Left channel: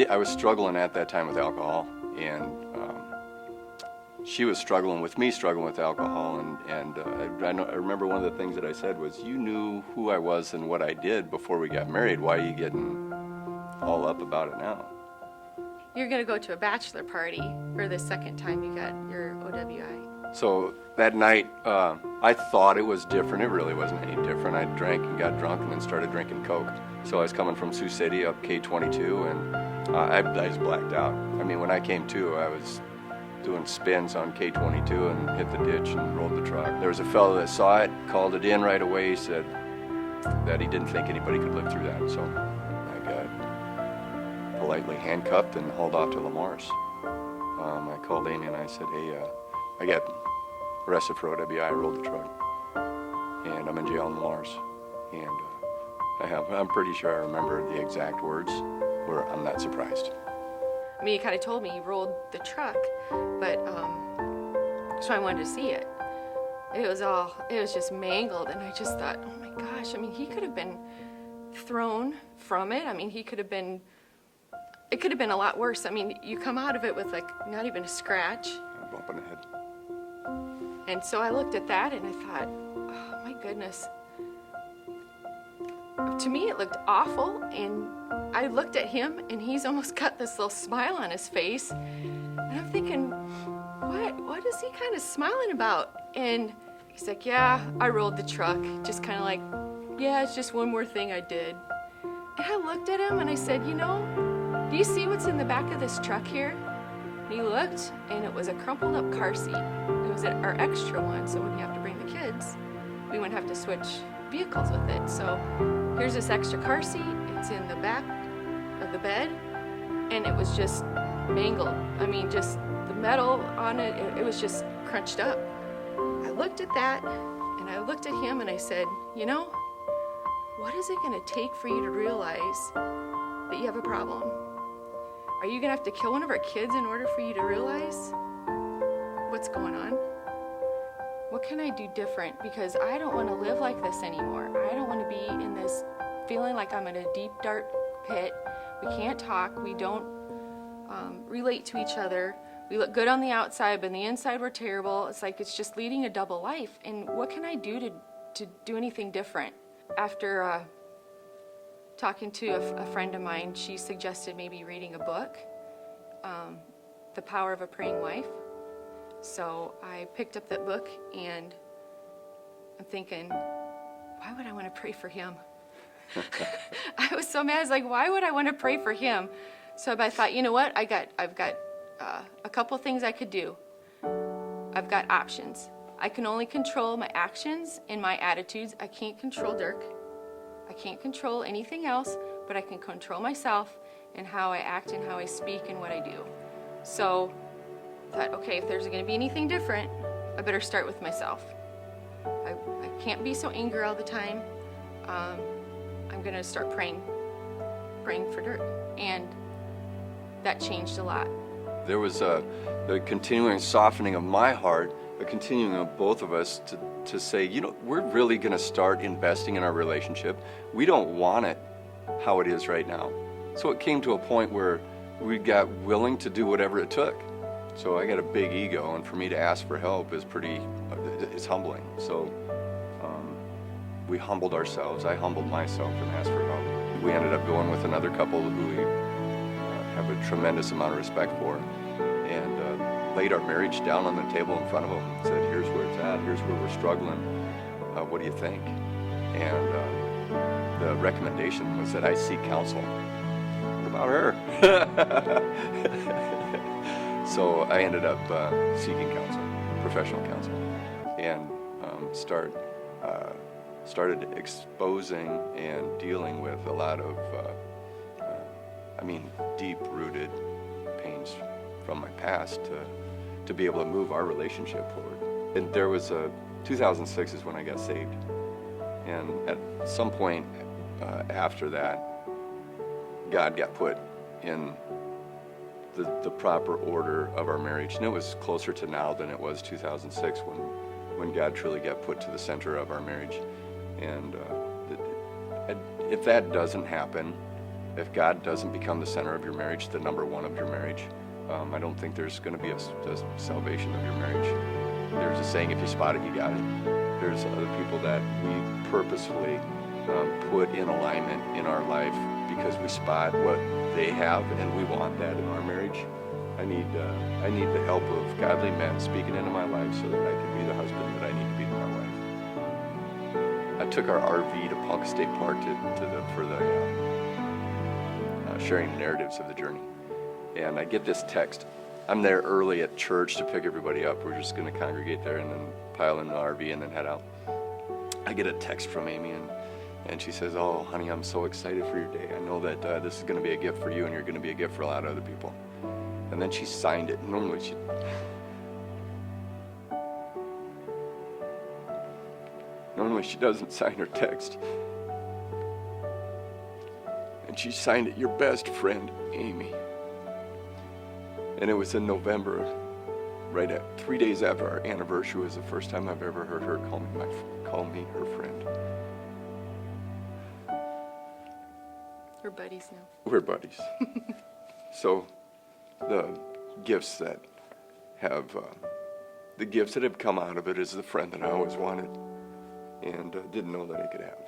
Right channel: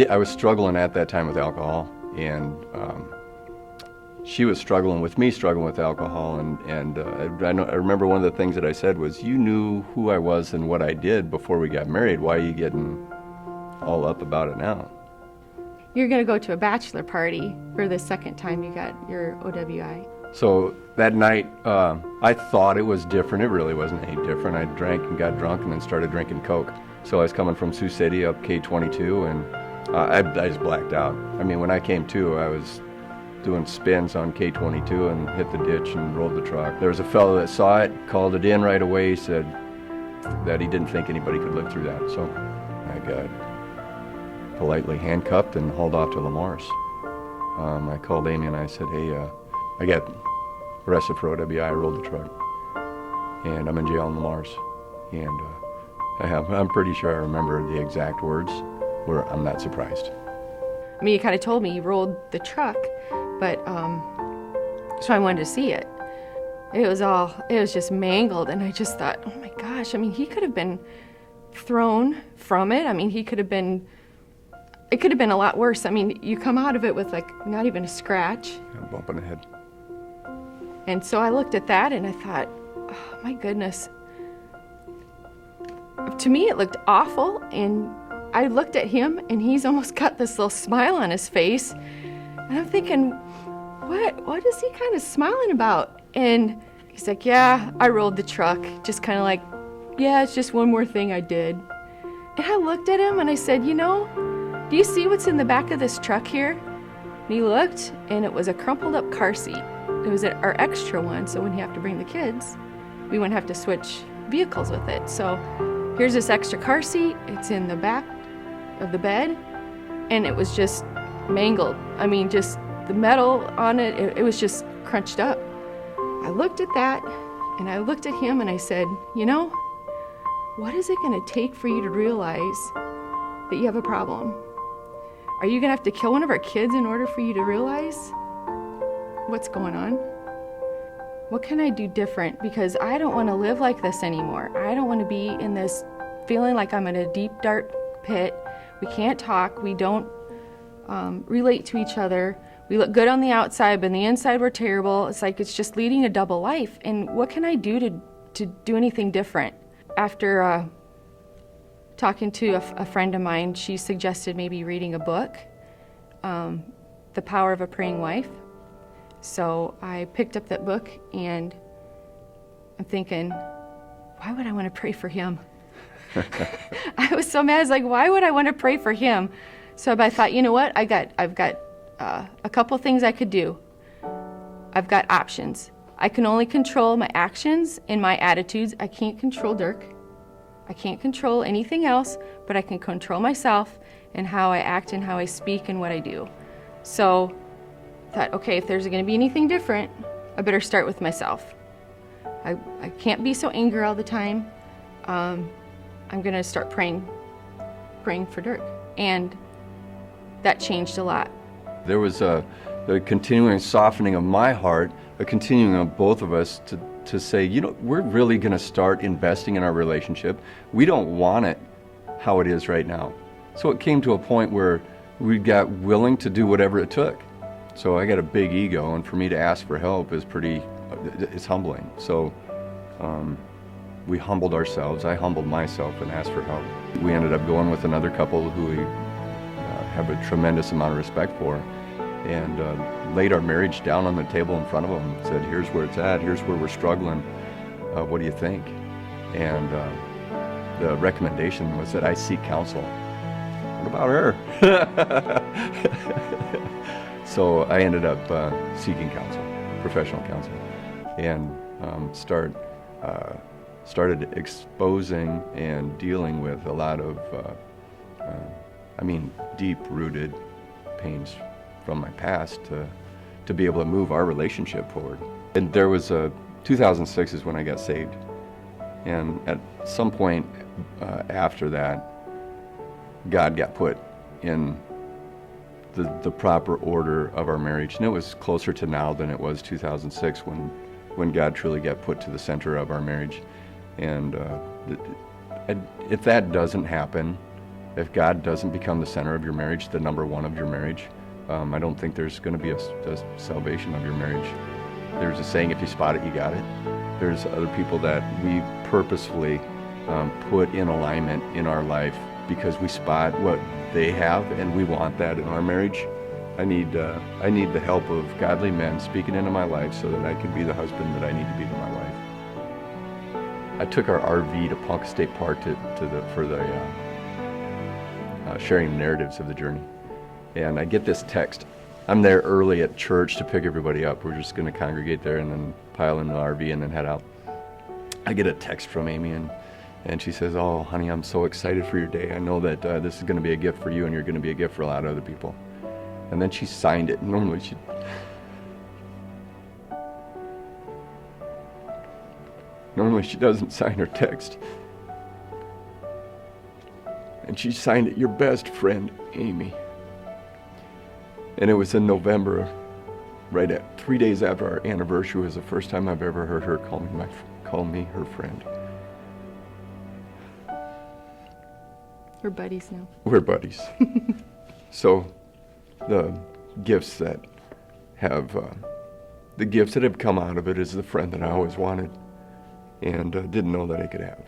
I was struggling at that time with alcohol, and she was struggling with me, struggling with alcohol, and I remember one of the things that I said was, you knew who I was and what I did before we got married. Why are you getting all up about it now? You're going to go to a bachelor party for the second time you got your OWI. So that night, I thought it was different. It really wasn't any different. I drank and got drunk and then started drinking Coke. So I was coming from Sioux City up K22, and I just blacked out. I mean, when I came to, I was doing spins on K22 and hit the ditch and rolled the truck. There was a fellow that saw it, called it in right away, said that he didn't think anybody could live through that. So I got politely handcuffed and hauled off to Lamar's. I called Amy and I said, hey, I got arrested for OWI, I rolled the truck, and I'm in jail in Lamar's. And I'm pretty sure I remember the exact words where I'm not surprised. I mean, you kind of told me you rolled the truck, but so I wanted to see it. It was just mangled, and I just thought, oh my gosh, I mean, he could have been thrown from it. I mean, it could have been a lot worse. I mean, you come out of it with like not even a scratch. A bump in the head. And so I looked at that and I thought, oh my goodness. To me, it looked awful, and I looked at him and he's almost got this little smile on his face. And I'm thinking, what is he kind of smiling about? And he's like, yeah, I rolled the truck. Just kind of like, yeah, it's just one more thing I did. And I looked at him and I said, you know, do you see what's in the back of this truck here? And he looked, and it was a crumpled up car seat. It was our extra one, so when you have to bring the kids, we wouldn't have to switch vehicles with it. So here's this extra car seat. It's in the back of the bed, and it was just mangled. I mean, just the metal on it, it was just crunched up. I looked at that, and I looked at him, and I said, you know, what is it going to take for you to realize that you have a problem? Are you going to have to kill one of our kids in order for you to realize what's going on? What can I do different? Because I don't want to live like this anymore. I don't want to be in this feeling like I'm in a deep, dark pit. We can't talk. We don't relate to each other. We look good on the outside, but on the inside we're terrible. It's like it's just leading a double life. And what can I do to do anything different? After talking to a friend of mine, she suggested maybe reading a book, The Power of a Praying Wife. So I picked up that book, and I'm thinking, why would I want to pray for him? I was so mad. I was like, why would I want to pray for him? So I thought, you know what? I've got a couple things I could do. I've got options. I can only control my actions and my attitudes. I can't control Dirk. I can't control anything else, but I can control myself and how I act and how I speak and what I do. So I thought, okay, if there's going to be anything different, I better start with myself. I can't be so angry all the time. I'm going to start praying for Dirk. And that changed a lot. There was the continuing softening of my heart, a continuing of both of us to say, you know, we're really going to start investing in our relationship. We don't want it how it is right now. So it came to a point where we got willing to do whatever it took. So I got a big ego, and for me to ask for help is it's humbling. So we humbled ourselves. I humbled myself and asked for help. We ended up going with another couple who we have a tremendous amount of respect for, and laid our marriage down on the table in front of them and said, here's where it's at, here's where we're struggling, what do you think? And the recommendation was that I seek counsel. What about her? So I ended up seeking counsel, professional counsel, and started exposing and dealing with a lot of deep-rooted pains from my past to be able to move our relationship forward. And there was 2006 is when I got saved. And at some point after that, God got put in the proper order of our marriage. And it was closer to now than it was 2006 when God truly got put to the center of our marriage. And if that doesn't happen, if God doesn't become the center of your marriage, the number one of your marriage, I don't think there's going to be a salvation of your marriage. There's a saying, if you spot it, you got it. There's other people that we purposefully put in alignment in our life because we spot what they have and we want that in our marriage. I need the help of godly men speaking into my life so that I can be the husband that I need to be to my wife. I took our RV to Ponca State Park for the sharing narratives of the journey. And I get this text. I'm there early at church to pick everybody up. We're just going to congregate there and then pile in the RV and then head out. I get a text from Amy and she says, "Oh, honey, I'm so excited for your day. I know that this is going to be a gift for you and you're going to be a gift for a lot of other people." And then she signed it. Normally she doesn't sign her text. And she signed it, "Your best friend, Amy." And it was in November, right at 3 days after our anniversary. Was the first time I've ever heard her call me her friend. We're buddies now. We're buddies. So the gifts that have come out of it is the friend that I always wanted and didn't know that I could have.